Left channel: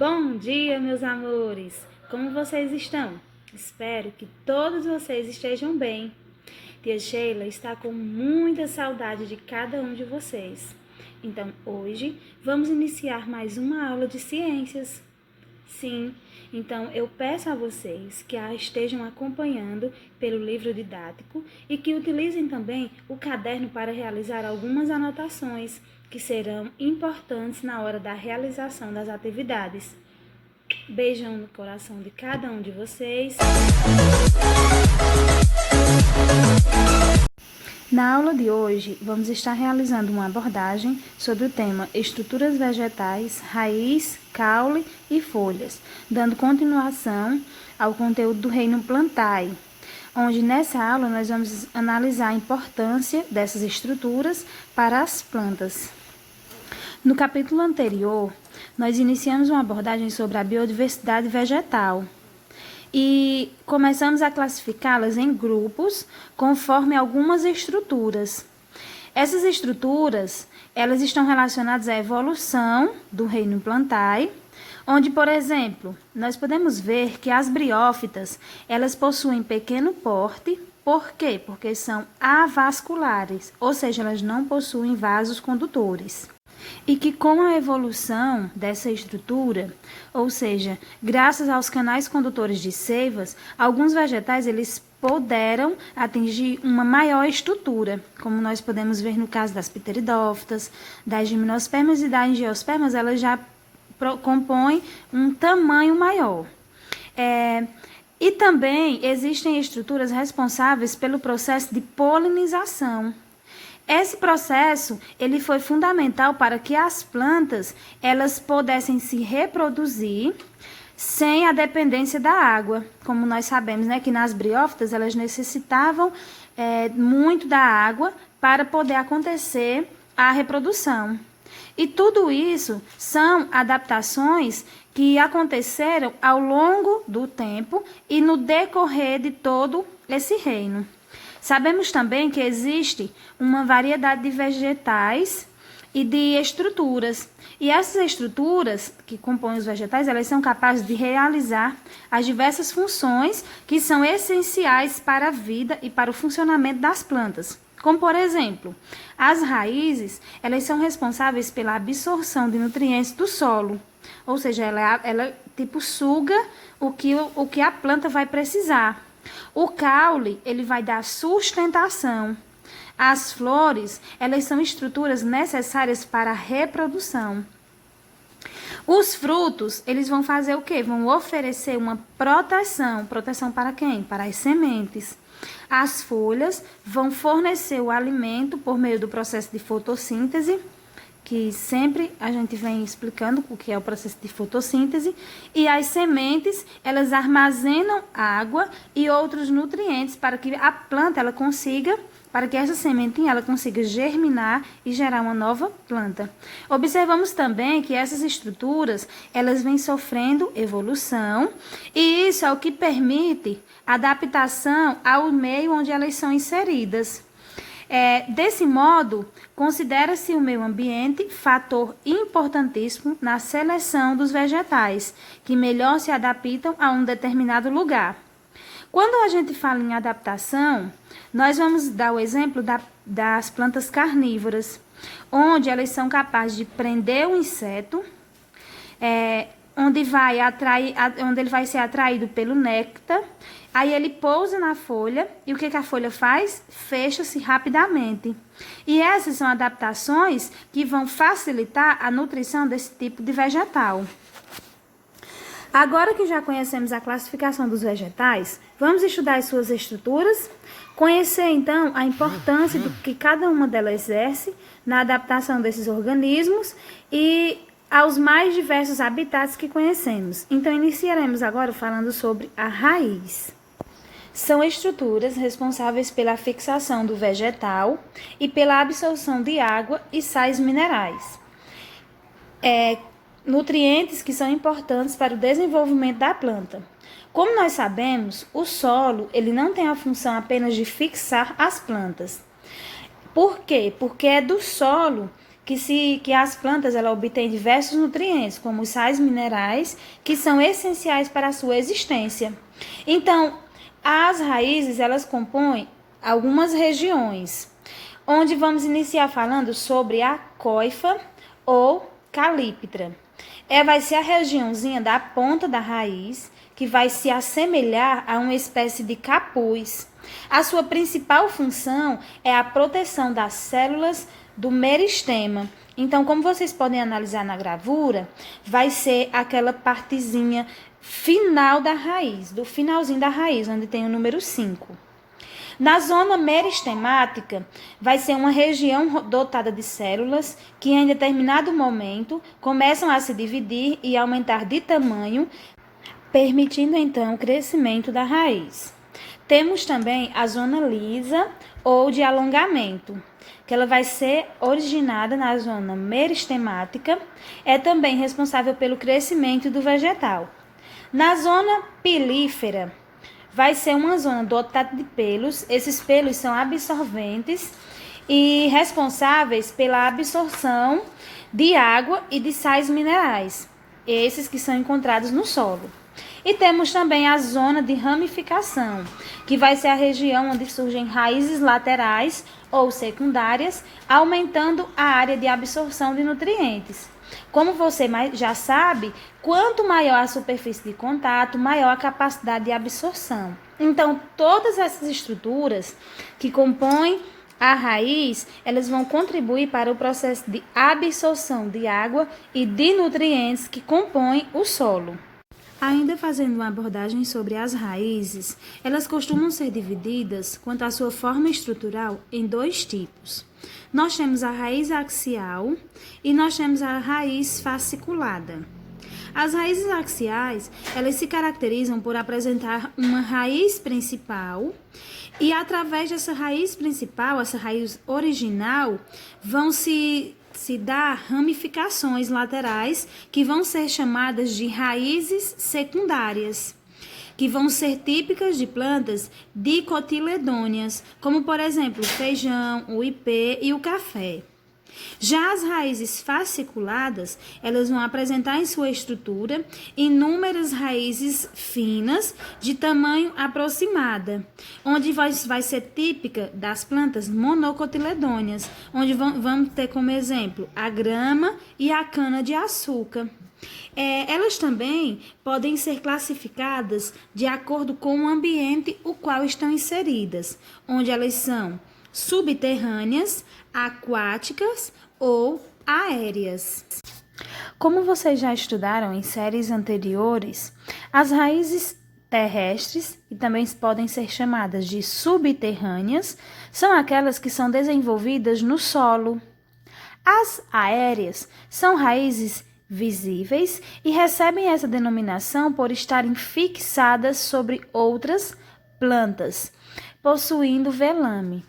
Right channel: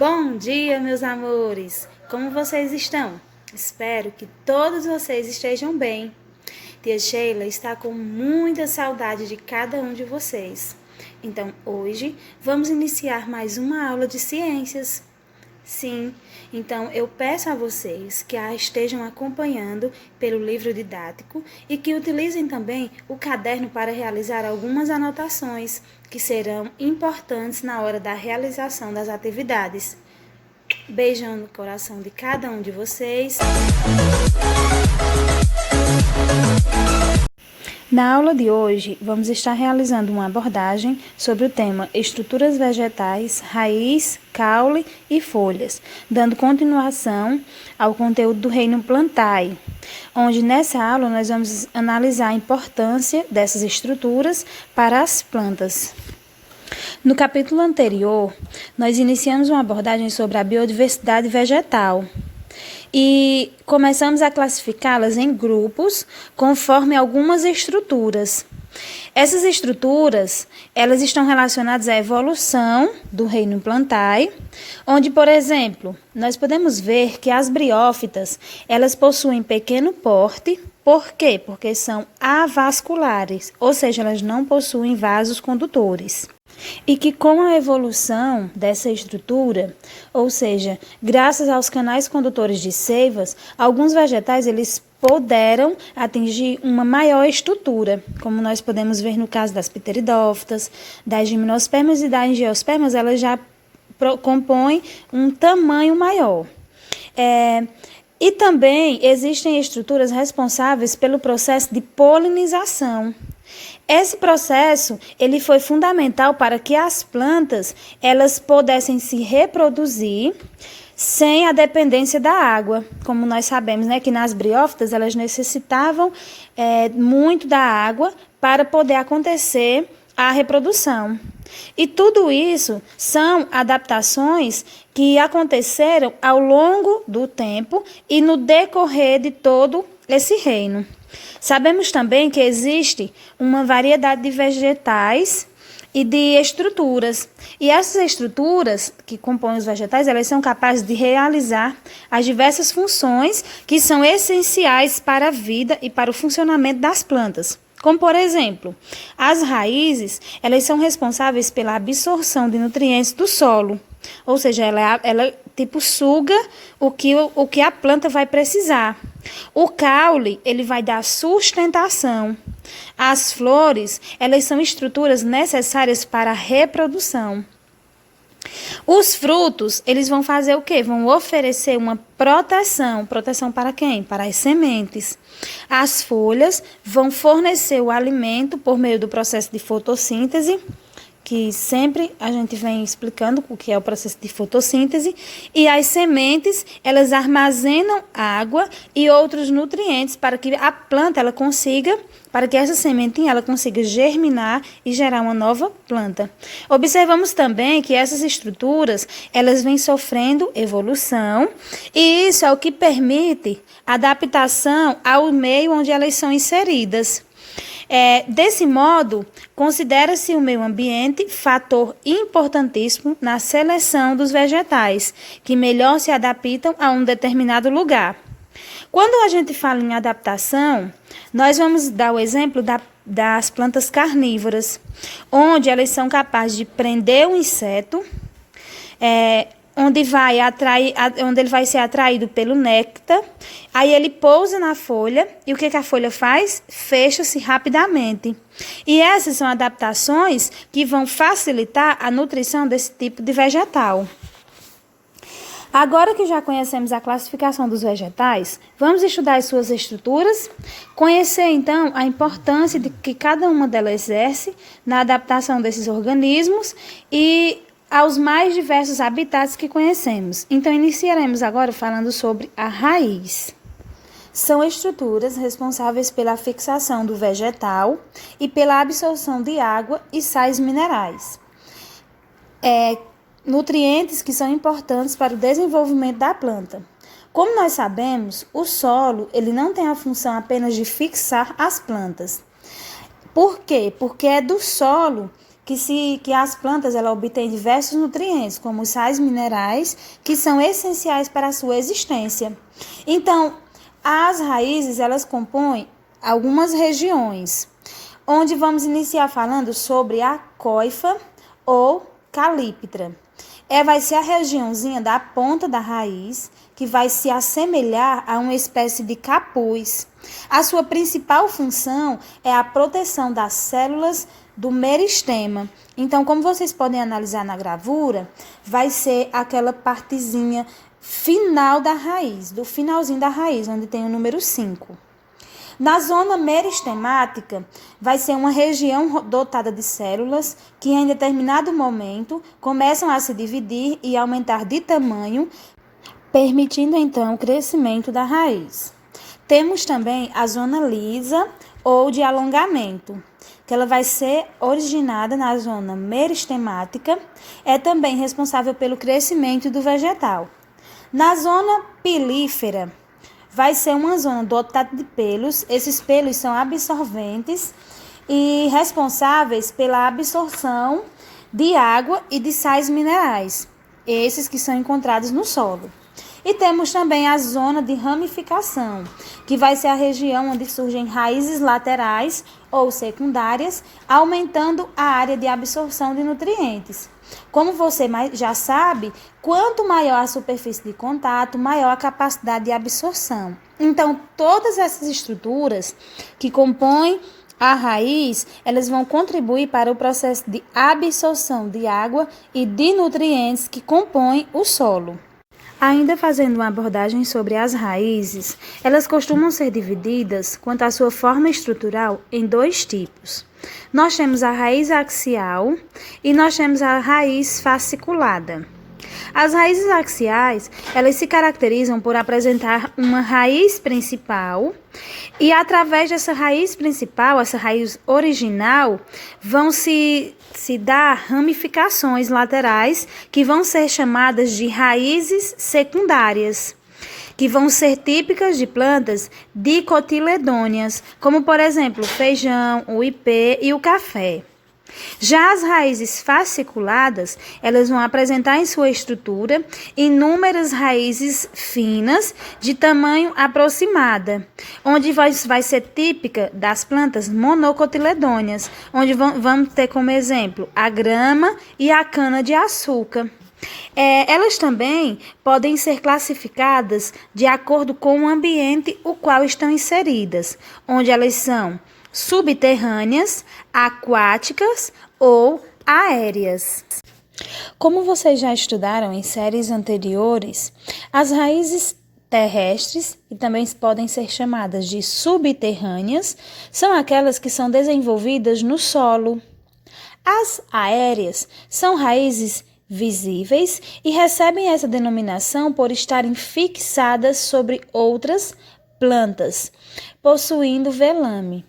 Bom dia, meus amores! Como vocês estão? Espero que todos vocês estejam bem. Tia Sheila está com muita saudade de cada um de vocês. Então, hoje, vamos iniciar mais uma aula de ciências. Sim, então eu peço a vocês que a estejam acompanhando pelo livro didático e que utilizem também o caderno para realizar algumas anotações que serão importantes na hora da realização das atividades. Beijão no coração de cada um de vocês. Na aula de hoje, vamos estar realizando uma abordagem sobre o tema estruturas vegetais, raiz, caule e folhas, dando continuação ao conteúdo do reino Plantae, onde nessa aula nós vamos analisar a importância dessas estruturas para as plantas. No capítulo anterior, nós iniciamos uma abordagem sobre a biodiversidade vegetal e começamos a classificá-las em grupos conforme algumas estruturas. Essas estruturas, elas estão relacionadas à evolução do reino Plantae, onde, por exemplo, nós podemos ver que as briófitas, elas possuem pequeno porte. Por quê? Porque são avasculares, ou seja, elas não possuem vasos condutores. E que com a evolução dessa estrutura, ou seja, graças aos canais condutores de seivas, alguns vegetais eles puderam atingir uma maior estrutura, como nós podemos ver no caso das pteridófitas, das gimnospermas e das angiospermas, elas já compõem um tamanho maior. E também existem estruturas responsáveis pelo processo de polinização. Esse processo, ele foi fundamental para que as plantas, elas pudessem se reproduzir sem a dependência da água. Como nós sabemos, né, que nas briófitas, elas necessitavam muito da água para poder acontecer a reprodução. E tudo isso são adaptações que aconteceram ao longo do tempo e no decorrer de todo esse reino. Sabemos também que existe uma variedade de vegetais e de estruturas. E essas estruturas que compõem os vegetais, elas são capazes de realizar as diversas funções que são essenciais para a vida e para o funcionamento das plantas. Como, por exemplo, as raízes, elas são responsáveis pela absorção de nutrientes do solo. Ou seja, ela tipo suga o que a planta vai precisar. O caule, ele vai dar sustentação. As flores, elas são estruturas necessárias para a reprodução. Os frutos, eles vão fazer o quê? Vão oferecer uma proteção. Proteção para quem? Para as sementes. As folhas vão fornecer o alimento por meio do processo de fotossíntese, que sempre a gente vem explicando o que é o processo de fotossíntese, e as sementes, elas armazenam água e outros nutrientes para que a planta, ela consiga, para que essa sementinha, ela consiga germinar e gerar uma nova planta. Observamos também que essas estruturas, elas vêm sofrendo evolução, e isso é o que permite adaptação ao meio onde elas são inseridas. Desse modo, considera-se o meio ambiente fator importantíssimo na seleção dos vegetais, que melhor se adaptam a um determinado lugar. Quando a gente fala em adaptação, nós vamos dar o exemplo das plantas carnívoras, onde elas são capazes de prender o inseto, onde ele vai ser atraído pelo néctar, aí ele pousa na folha, e o que a folha faz? Fecha-se rapidamente. E essas são adaptações que vão facilitar a nutrição desse tipo de vegetal. Agora que já conhecemos a classificação dos vegetais, vamos estudar as suas estruturas, conhecer então a importância do que cada uma delas exerce na adaptação desses organismos e aos mais diversos habitats que conhecemos. Então, iniciaremos agora falando sobre a raiz. São estruturas responsáveis pela fixação do vegetal e pela absorção de água e sais minerais. Nutrientes que são importantes para o desenvolvimento da planta. Como nós sabemos, o solo ele não tem a função apenas de fixar as plantas. Por quê? Porque é do solo que as plantas ela obtêm diversos nutrientes, como os sais minerais, que são essenciais para a sua existência. Então, as raízes elas compõem algumas regiões, onde vamos iniciar falando sobre a coifa ou calíptra. Vai ser a regiãozinha da ponta da raiz, que vai se assemelhar a uma espécie de capuz. A sua principal função é a proteção das células do meristema. Então, como vocês podem analisar na gravura, vai ser aquela partezinha final da raiz, do finalzinho da raiz, onde tem o número 5. Na zona meristemática, vai ser uma região dotada de células que, em determinado momento, começam a se dividir e aumentar de tamanho, permitindo, então, o crescimento da raiz. Temos também a zona lisa ou de alongamento, que ela vai ser originada na zona meristemática, é também responsável pelo crescimento do vegetal. Na zona pilífera, vai ser uma zona dotada de pelos. Esses pelos são absorventes e responsáveis pela absorção de água e de sais minerais, esses que são encontrados no solo. E temos também a zona de ramificação, que vai ser a região onde surgem raízes laterais ou secundárias, aumentando a área de absorção de nutrientes. Como você já sabe, quanto maior a superfície de contato, maior a capacidade de absorção. Então, todas essas estruturas que compõem a raiz, elas vão contribuir para o processo de absorção de água e de nutrientes que compõem o solo. Ainda fazendo uma abordagem sobre as raízes, elas costumam ser divididas, quanto à sua forma estrutural, em 2 tipos. Nós temos a raiz axial e nós temos a raiz fasciculada. As raízes axiais, elas se caracterizam por apresentar uma raiz principal e através dessa raiz principal, essa raiz original, vão se dar ramificações laterais que vão ser chamadas de raízes secundárias, que vão ser típicas de plantas dicotiledôneas, como por exemplo o feijão, o ipê e o café. Já as raízes fasciculadas, elas vão apresentar em sua estrutura inúmeras raízes finas de tamanho aproximada, onde vai ser típica das plantas monocotiledôneas, onde vamos ter como exemplo a grama e a cana-de-açúcar. Elas também podem ser classificadas de acordo com o ambiente o qual estão inseridas, onde elas são subterrâneas, aquáticas ou aéreas. Como vocês já estudaram em séries anteriores, as raízes terrestres, que também podem ser chamadas de subterrâneas, são aquelas que são desenvolvidas no solo. As aéreas são raízes visíveis e recebem essa denominação por estarem fixadas sobre outras plantas, possuindo velame.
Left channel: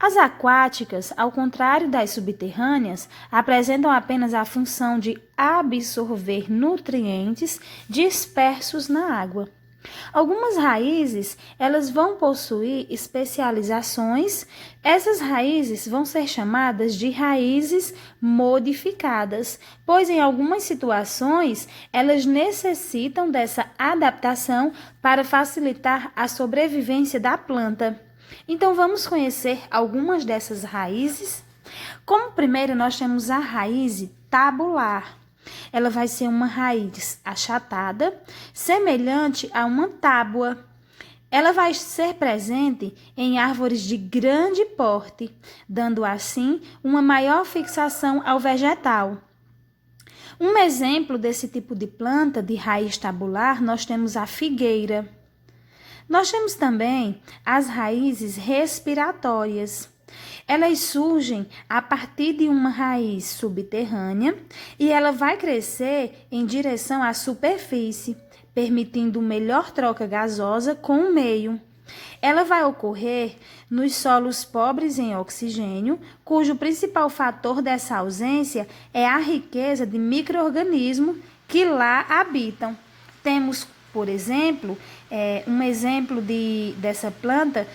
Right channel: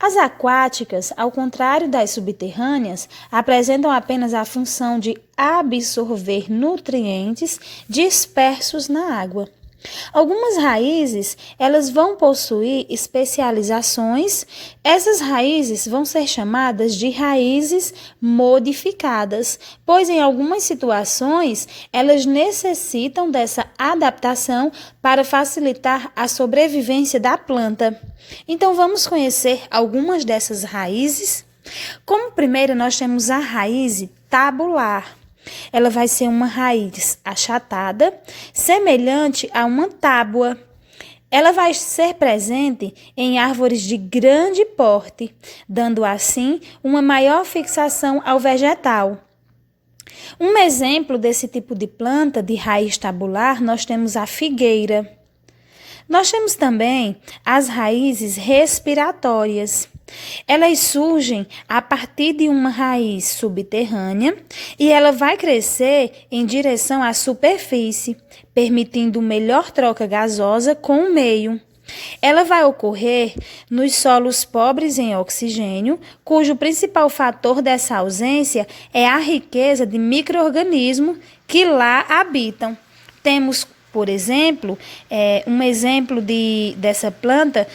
As aquáticas, ao contrário das subterrâneas, apresentam apenas a função de absorver nutrientes dispersos na água. Algumas raízes, elas vão possuir especializações. Essas raízes vão ser chamadas de raízes modificadas, pois em algumas situações elas necessitam dessa adaptação para facilitar a sobrevivência da planta. Então vamos conhecer algumas dessas raízes. Como primeiro nós temos a raiz tabular. Ela vai ser uma raiz achatada, semelhante a uma tábua. Ela vai ser presente em árvores de grande porte, dando assim uma maior fixação ao vegetal. Um exemplo desse tipo de planta de raiz tabular, nós temos a figueira. Nós temos também as raízes respiratórias. Elas surgem a partir de uma raiz subterrânea e ela vai crescer em direção à superfície, permitindo melhor troca gasosa com o meio. Ela vai ocorrer nos solos pobres em oxigênio, cujo principal fator dessa ausência é a riqueza de micro-organismos que lá habitam. Temos, por exemplo, um exemplo dessa planta,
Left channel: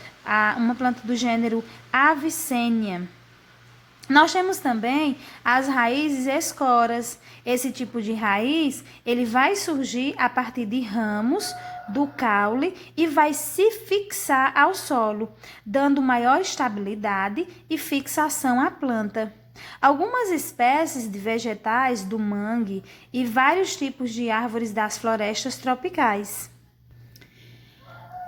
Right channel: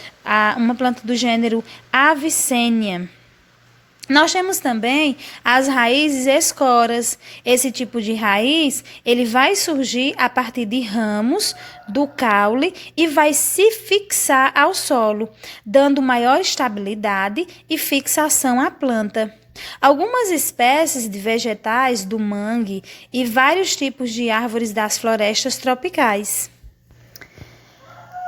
uma planta do gênero Avicennia. Nós temos também as raízes escoras. Esse tipo de raiz, ele vai surgir a partir de ramos do caule e vai se fixar ao solo, dando maior estabilidade e fixação à planta. Algumas espécies de vegetais do mangue e vários tipos de árvores das florestas tropicais.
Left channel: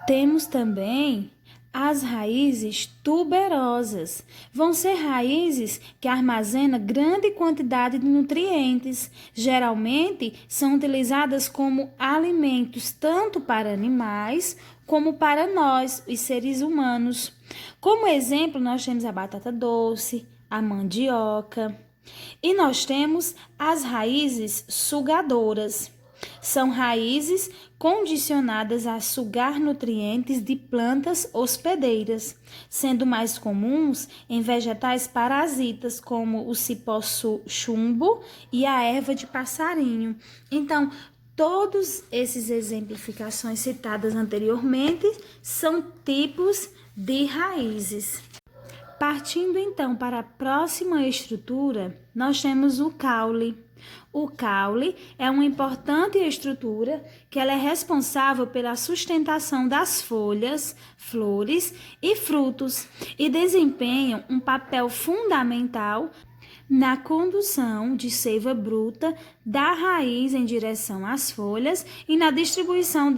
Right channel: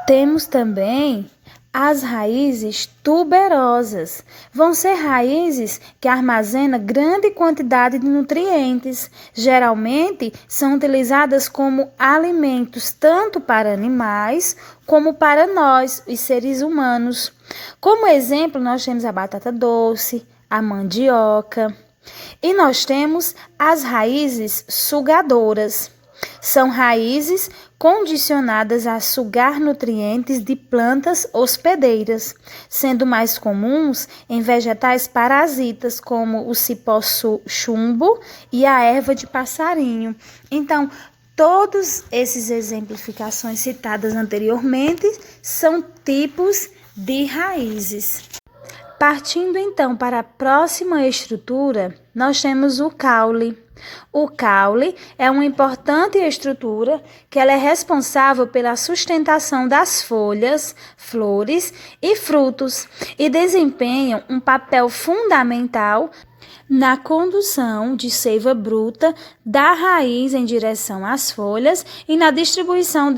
Temos também as raízes tuberosas. Vão ser raízes que armazenam grande quantidade de nutrientes. Geralmente são utilizadas como alimentos tanto para animais como para nós, os seres humanos. Como exemplo, nós temos a batata doce, a mandioca. E nós temos as raízes sugadoras. São raízes condicionadas a sugar nutrientes de plantas hospedeiras, sendo mais comuns em vegetais parasitas, como o cipó chumbo e a erva de passarinho. Então, todos esses exemplificações citadas anteriormente são tipos de raízes. Partindo então para a próxima estrutura, nós temos o caule. O caule é uma importante estrutura que ela é responsável pela sustentação das folhas, flores e frutos e desempenham um papel fundamental na condução de seiva bruta da raiz em direção às folhas e na distribuição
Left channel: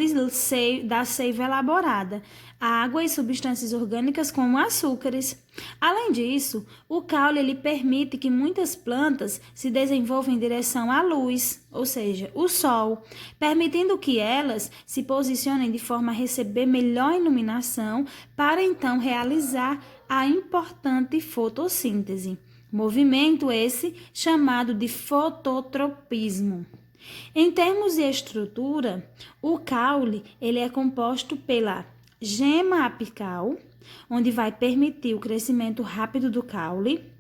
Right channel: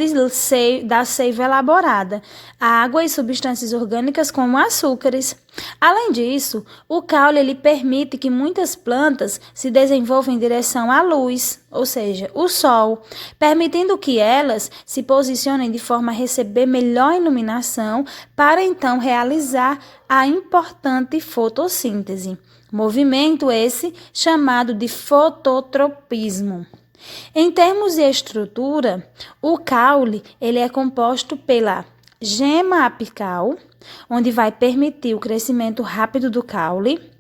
da seiva elaborada, água e substâncias orgânicas como açúcares. Além disso, o caule ele permite que muitas plantas se desenvolvam em direção à luz, ou seja, o sol, permitindo que elas se posicionem de forma a receber melhor iluminação para então realizar a importante fotossíntese. Movimento esse chamado de fototropismo. Em termos de estrutura, o caule ele é composto pela gema apical, onde vai permitir o crescimento rápido do caule.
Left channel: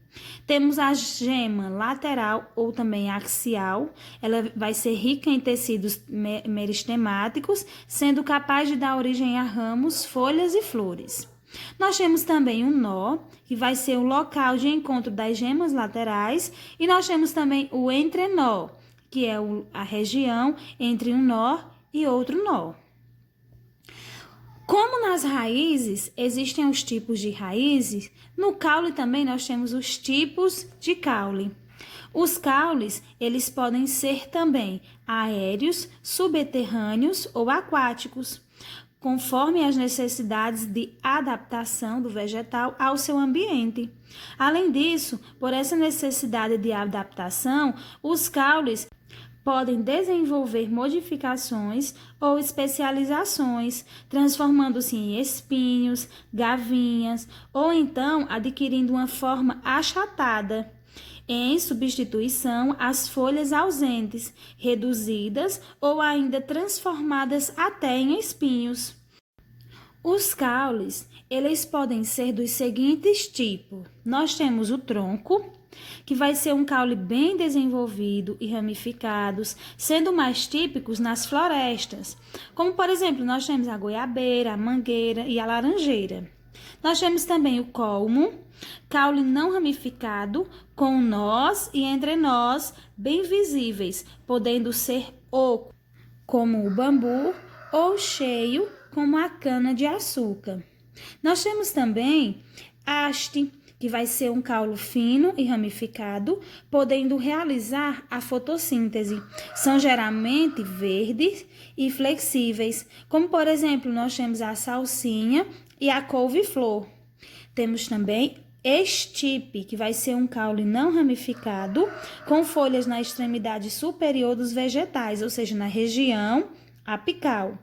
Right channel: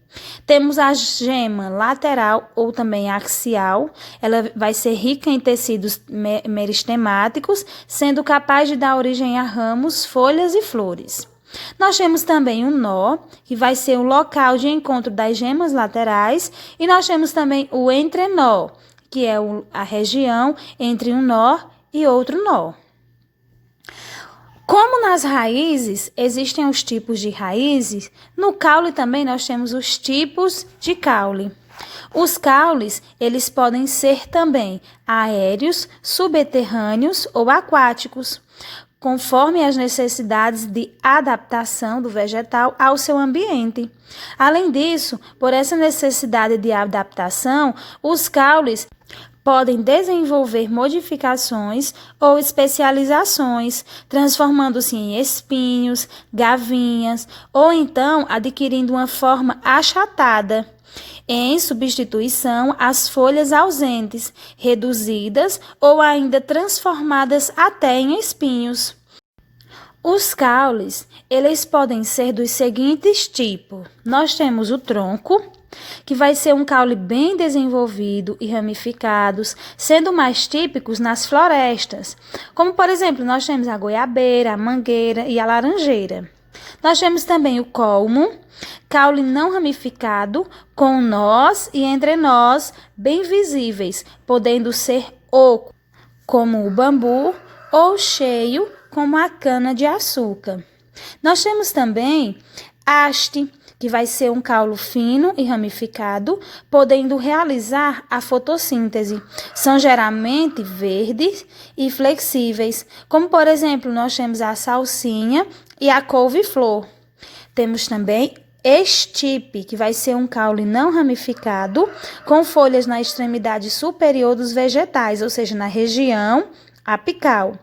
Temos a gema lateral ou também axial, ela vai ser rica em tecidos meristemáticos, sendo capaz de dar origem a ramos, folhas e flores. Nós temos também o nó, que vai ser o local de encontro das gemas laterais, e nós temos também o entrenó, que é a região entre um nó e outro nó. Como nas raízes existem os tipos de raízes, no caule também nós temos os tipos de caule. Os caules, eles podem ser também aéreos, subterrâneos ou aquáticos, conforme as necessidades de adaptação do vegetal ao seu ambiente. Além disso, por essa necessidade de adaptação, os caules podem desenvolver modificações ou especializações, transformando-se em espinhos, gavinhas, ou então adquirindo uma forma achatada, em substituição às folhas ausentes, reduzidas ou ainda transformadas até em espinhos. Os caules, eles podem ser dos seguintes tipos. Nós temos o tronco, que vai ser um caule bem desenvolvido e ramificados, sendo mais típicos nas florestas, como por exemplo, nós temos a goiabeira, a mangueira e a laranjeira. Nós temos também o colmo, caule não ramificado, com nós e entrenós bem visíveis, podendo ser oco, como o bambu, ou cheio, como a cana-de-açúcar. Nós temos também haste, que vai ser um caule fino e ramificado, podendo realizar a fotossíntese. São geralmente verdes e flexíveis, como por exemplo, nós temos a salsinha e a couve-flor. Temos também estipe, que vai ser um caule não ramificado, com folhas na extremidade superior dos vegetais, ou seja, na região apical.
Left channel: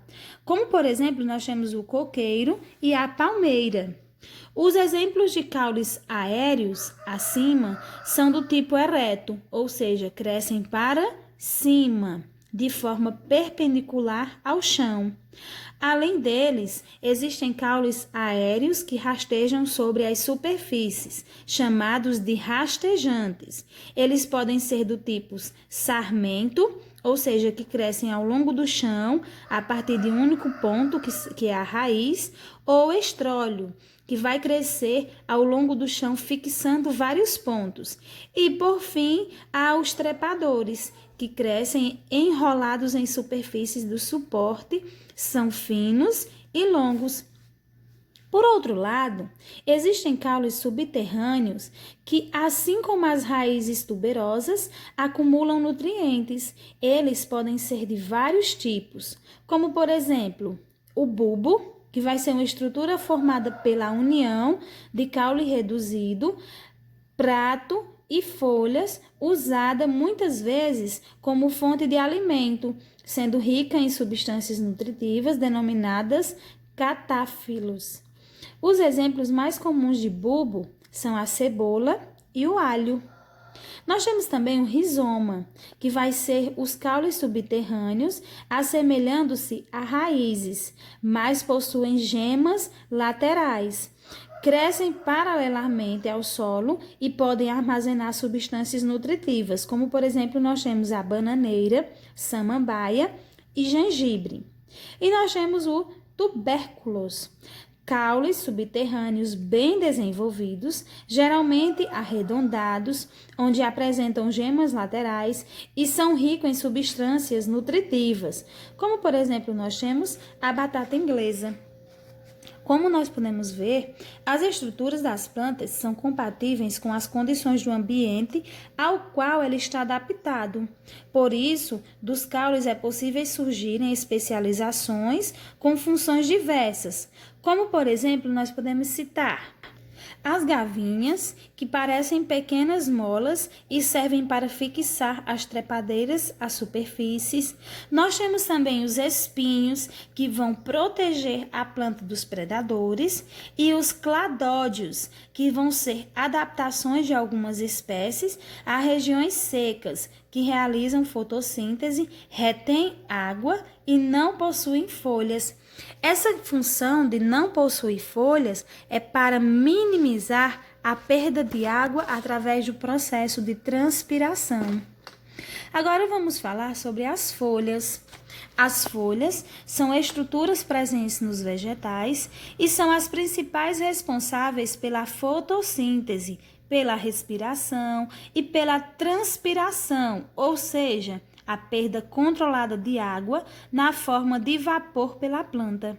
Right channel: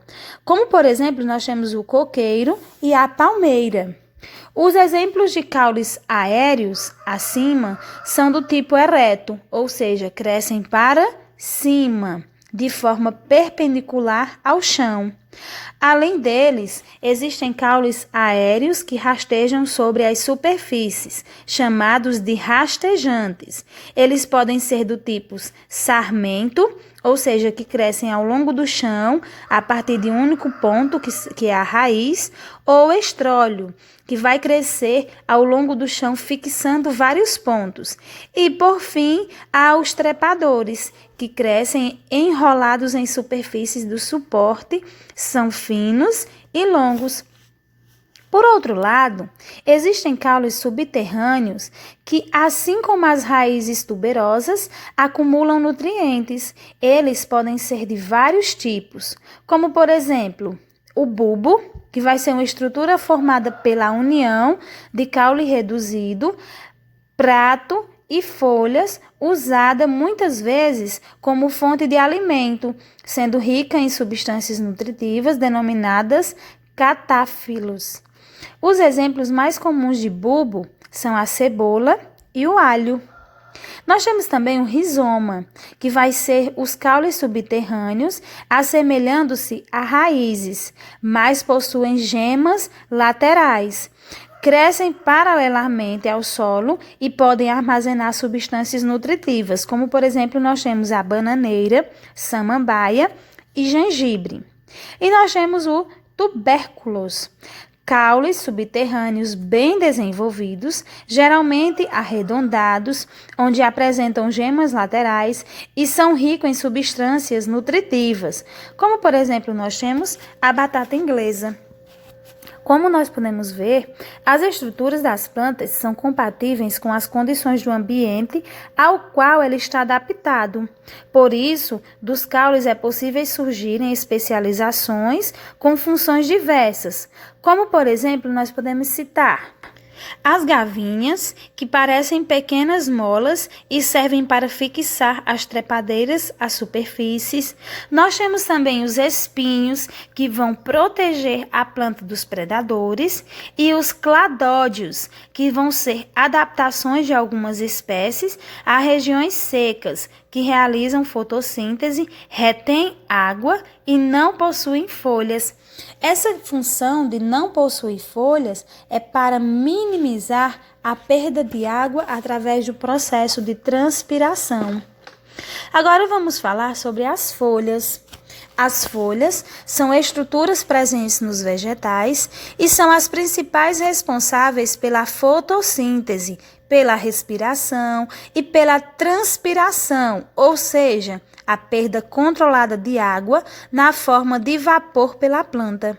Como, por exemplo, nós temos o coqueiro e a palmeira. Os exemplos de caules aéreos acima são do tipo ereto, ou seja, crescem para cima, de forma perpendicular ao chão. Além deles, existem caules aéreos que rastejam sobre as superfícies, chamados de rastejantes. Eles podem ser do tipo sarmento, ou seja, que crescem ao longo do chão, a partir de um único ponto, que é a raiz, ou estrólio, que vai crescer ao longo do chão, fixando vários pontos. E, por fim, há os trepadores, que crescem enrolados em superfícies do suporte, são finos e longos. Por outro lado, existem caules subterrâneos que, assim como as raízes tuberosas, acumulam nutrientes. Eles podem ser de vários tipos, como, por exemplo, o bulbo, que vai ser uma estrutura formada pela união de caule reduzido, prato e folhas, usada muitas vezes como fonte de alimento, sendo rica em substâncias nutritivas denominadas catáfilos. Os exemplos mais comuns de bulbo são a cebola e o alho. Nós temos também o rizoma, que vai ser os caules subterrâneos, assemelhando-se a raízes, mas possuem gemas laterais. Crescem paralelamente ao solo e podem armazenar substâncias nutritivas, como, por exemplo, nós temos a bananeira, samambaia e gengibre. E nós temos o tubérculos, caules subterrâneos bem desenvolvidos, geralmente arredondados, onde apresentam gemas laterais e são ricos em substâncias nutritivas, como, por exemplo, nós temos a batata inglesa. Como nós podemos ver, as estruturas das plantas são compatíveis com as condições do ambiente ao qual ele está adaptado. Por isso, dos caules é possível surgirem especializações com funções diversas, como, por exemplo, nós podemos citar as gavinhas, que parecem pequenas molas e servem para fixar as trepadeiras às superfícies. Nós temos também os espinhos, que vão proteger a planta dos predadores, e os cladódios, que vão ser adaptações de algumas espécies a regiões secas, que realizam fotossíntese, retêm água e não possuem folhas. Essa função de não possuir folhas é para minimizar a perda de água através do processo de transpiração. Agora vamos falar sobre as folhas. As folhas são estruturas presentes nos vegetais e são as principais responsáveis pela fotossíntese, pela respiração e pela transpiração, ou seja, a perda controlada de água na forma de vapor pela planta.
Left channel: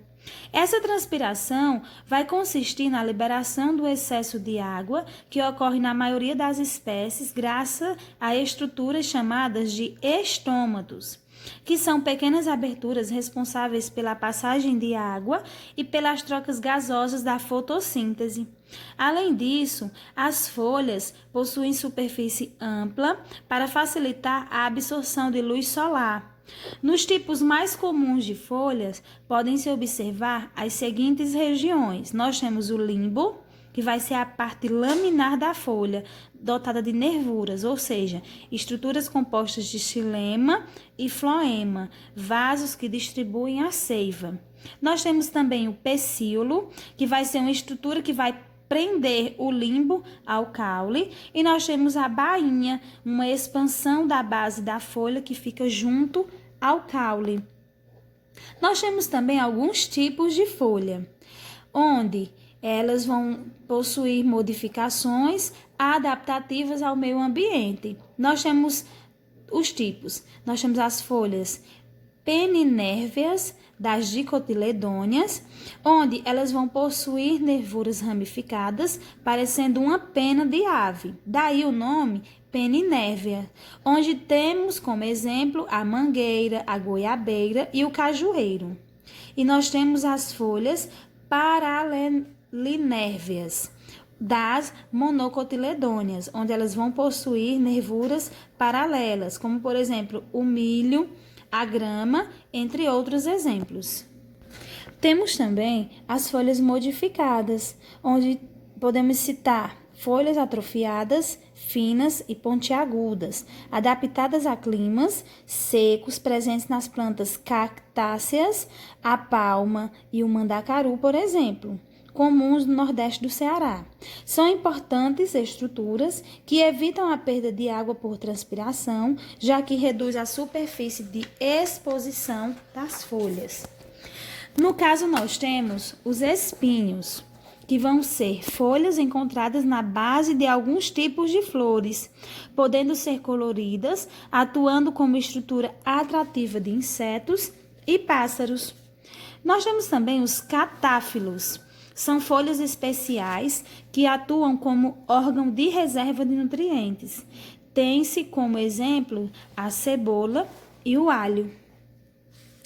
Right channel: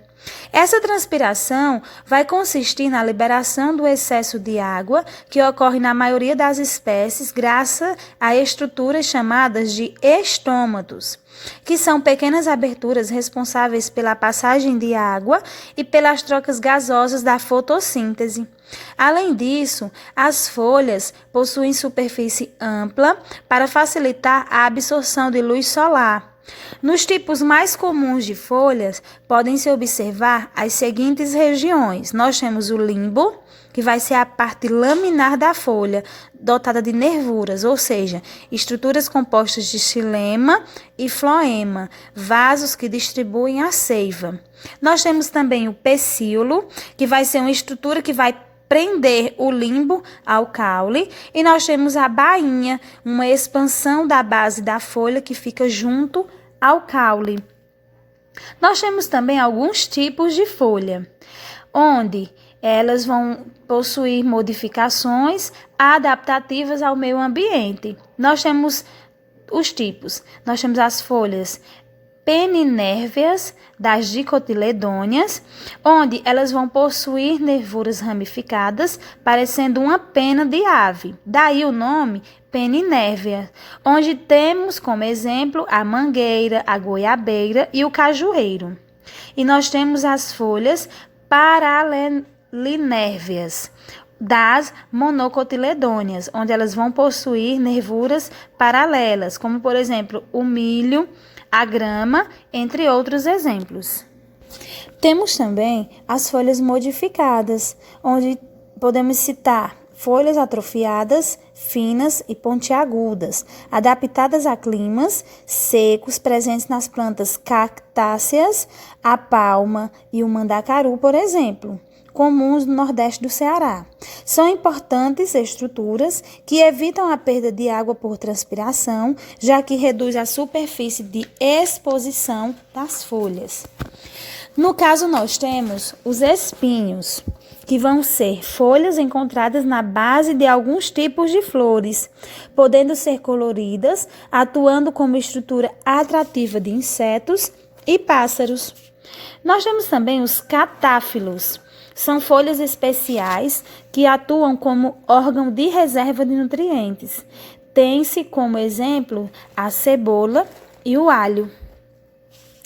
Essa transpiração vai consistir na liberação do excesso de água que ocorre na maioria das espécies graças a estruturas chamadas de estômatos, que são pequenas aberturas responsáveis pela passagem de água e pelas trocas gasosas da fotossíntese. Além disso, as folhas possuem superfície ampla para facilitar a absorção de luz solar. Nos tipos mais comuns de folhas, podem-se observar as seguintes regiões. Nós temos o limbo, que vai ser a parte laminar da folha, dotada de nervuras, ou seja, estruturas compostas de xilema e floema, vasos que distribuem a seiva. Nós temos também o pecíolo, que vai ser uma estrutura que vai prender o limbo ao caule, e nós temos a bainha, uma expansão da base da folha que fica junto ao caule. Nós temos também alguns tipos de folha, onde elas vão possuir modificações adaptativas ao meio ambiente. Nós temos os tipos. Nós temos as folhas peninérveas das dicotiledôneas, onde elas vão possuir nervuras ramificadas, parecendo uma pena de ave. Daí o nome peninérvea, onde temos como exemplo a mangueira, a goiabeira e o cajueiro. E nós temos as folhas paralinérveas das monocotiledôneas, onde elas vão possuir nervuras paralelas, como por exemplo o milho, a grama, entre outros exemplos. Temos também as folhas modificadas, onde podemos citar folhas atrofiadas, finas e pontiagudas, adaptadas a climas secos presentes nas plantas cactáceas, a palma e o mandacaru, por exemplo, comuns no Nordeste do Ceará. São importantes estruturas que evitam a perda de água por transpiração, já que reduz a superfície de exposição das folhas. No caso, nós temos os espinhos, que vão ser folhas encontradas na base de alguns tipos de flores, podendo ser coloridas, atuando como estrutura atrativa de insetos e pássaros. Nós temos também os catáfilos. São folhas especiais que atuam como órgão de reserva de nutrientes. Tem-se como exemplo a cebola e o alho.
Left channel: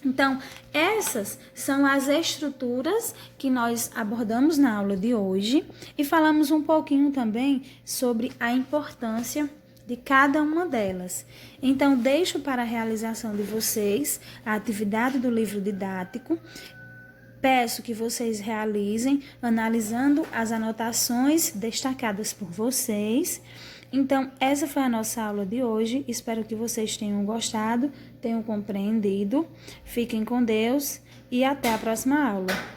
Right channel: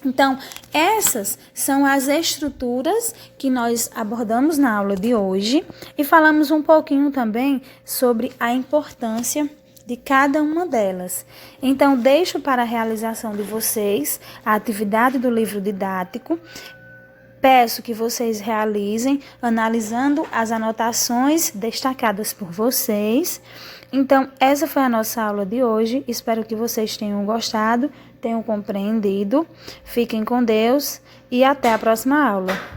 Então, essas são as estruturas que nós abordamos na aula de hoje e falamos um pouquinho também sobre a importância de cada uma delas. Então, deixo para a realização de vocês a atividade do livro didático. Peço que vocês realizem analisando as anotações destacadas por vocês. Então, essa foi a nossa aula de hoje. Espero que vocês tenham gostado, tenham compreendido. Fiquem com Deus e até a próxima aula.